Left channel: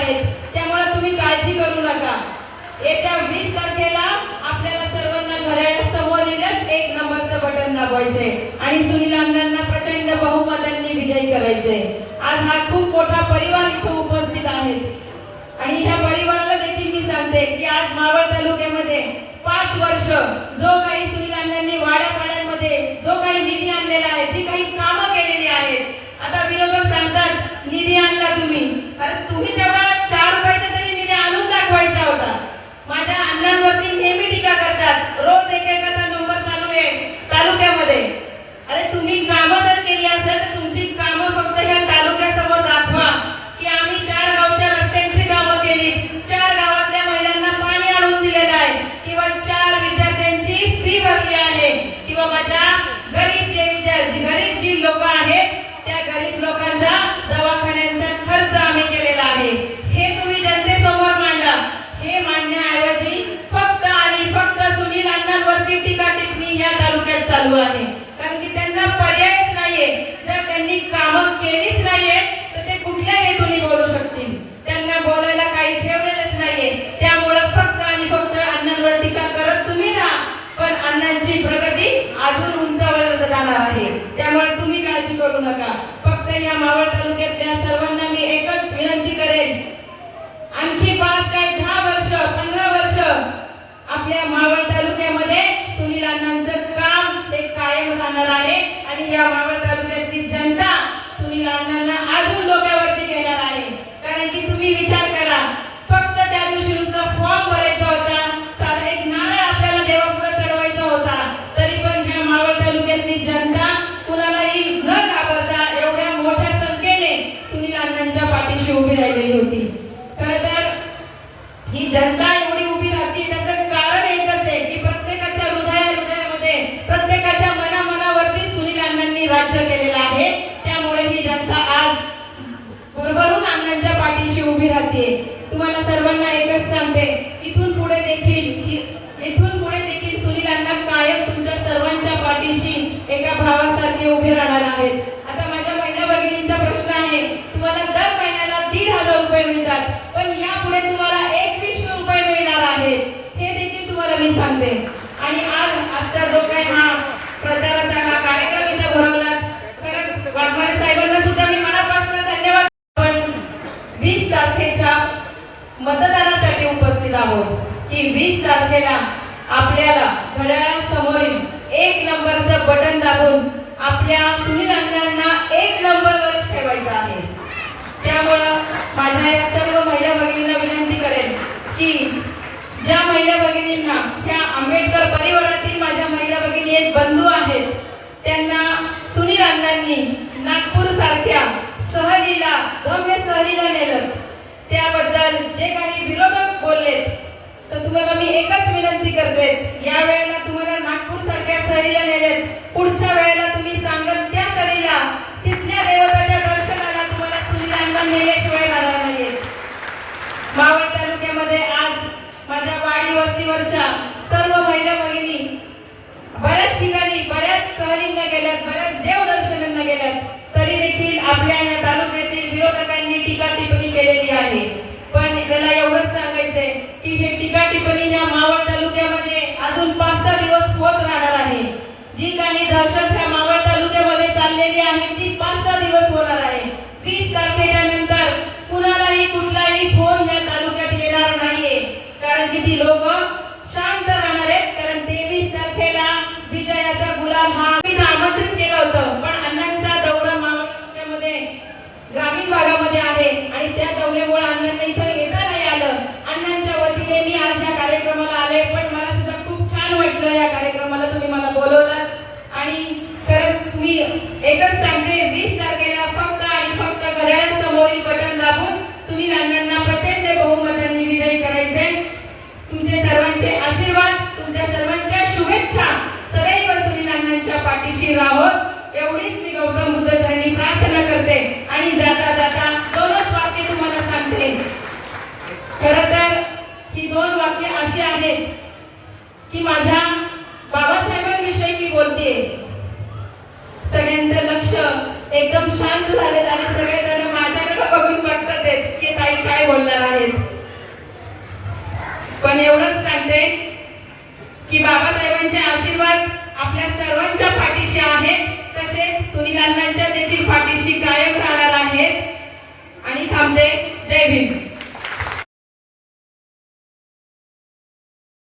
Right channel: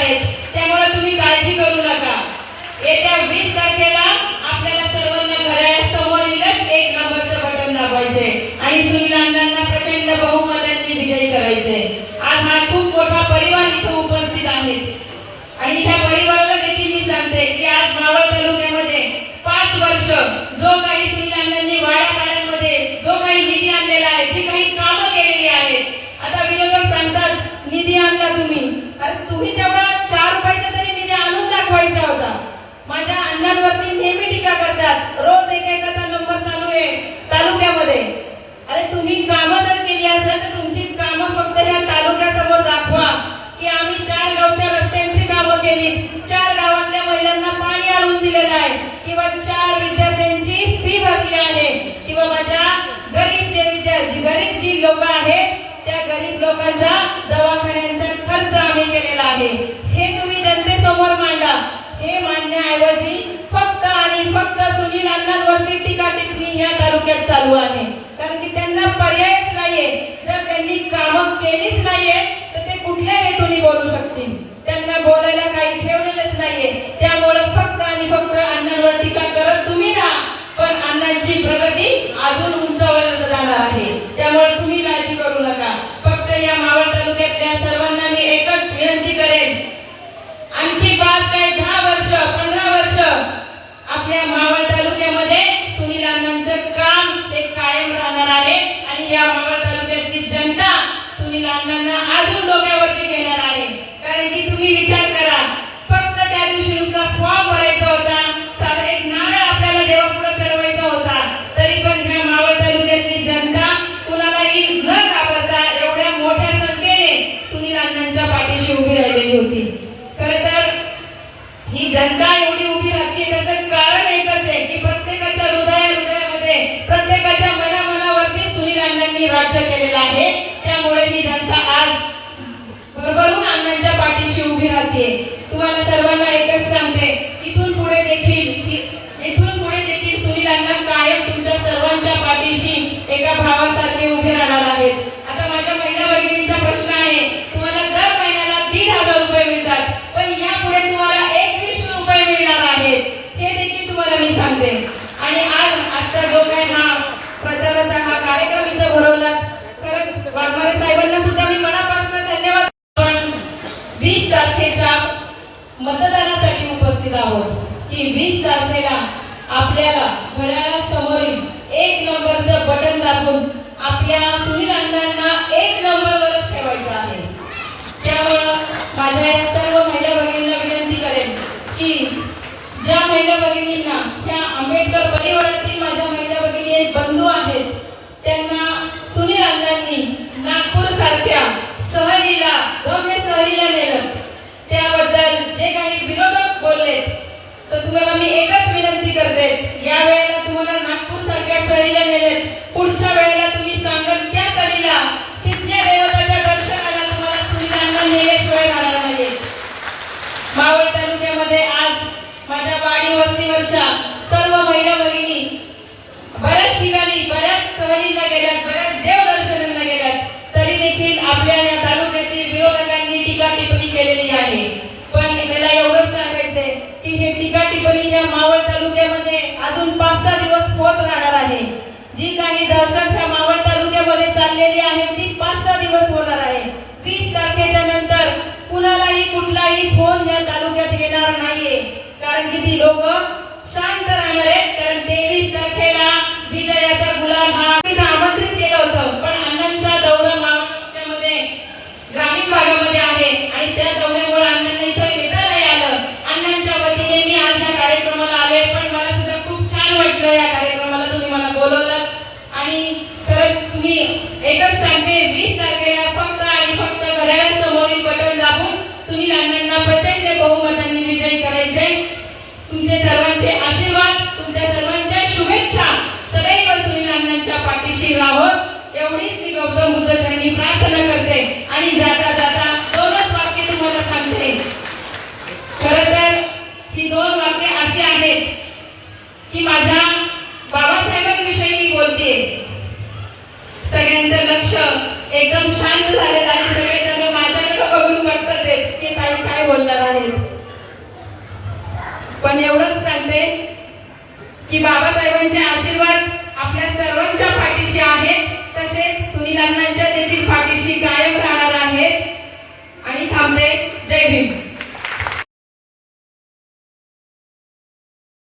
आहेत. त्यामुळे तुम्ही काळजी करू आहे. त्या गरीब लोकांचा दवाखान्यांचा खर्च आम्ही केलेला आहे. हे तुम्ही जनतेसमोर मांडा. हे मांडण्याऐवजी फक्त आणि फक्त सुनील अण्णांवरती टीका टिप्पणी ह्या तालुक्यात चालू आहे. कारण की त्यांना पर्यायच नाहीये. जर त्यांनी कामं केलीच नाहीये तर ते कुठल्या हेतूने बोलू शकतील. त्यांना बोलायला He denied म्हणून सांगते आणि आज आजचा जो काही हा प्रचाराचा हा कार्यक्रम इथं भरवला परत वाघमारे साहेबांना सुद्धा मी मनापासून धन्यवाद पण वीस तारखेच्या मतदानासाठी उपस्थित आहोत. की वीस तारखेला आपल्याला घड्याळासमोरील एक नंबरचं बटन दाबून आपल्या महाराजांनी नागपूर सारख्या सहलीला गम्य सहलीला नेलं. त्याबद्दल जे काही विरोधक बोलले किती लोक शांत राहणार आहेत कारण तेवीस तारखेला विजयाचा गुलाम हा आमंत्रित केलं होतं. पण अण्णांचा दौरा महाराष्ट्रामध्ये ग्रामीण भागामध्ये आहे आणि त्या दौऱ्यामुळे अण्णांना इथं येता नाही आलं. अण्णांच्या वतीने मी आज या कार्यक्रमाला आले पण मला सुद्धा खूप छान वाटलं या कार्यक्रमाला तुम्ही मला बोलवलं. आणि खरंच मी एकच 一马尘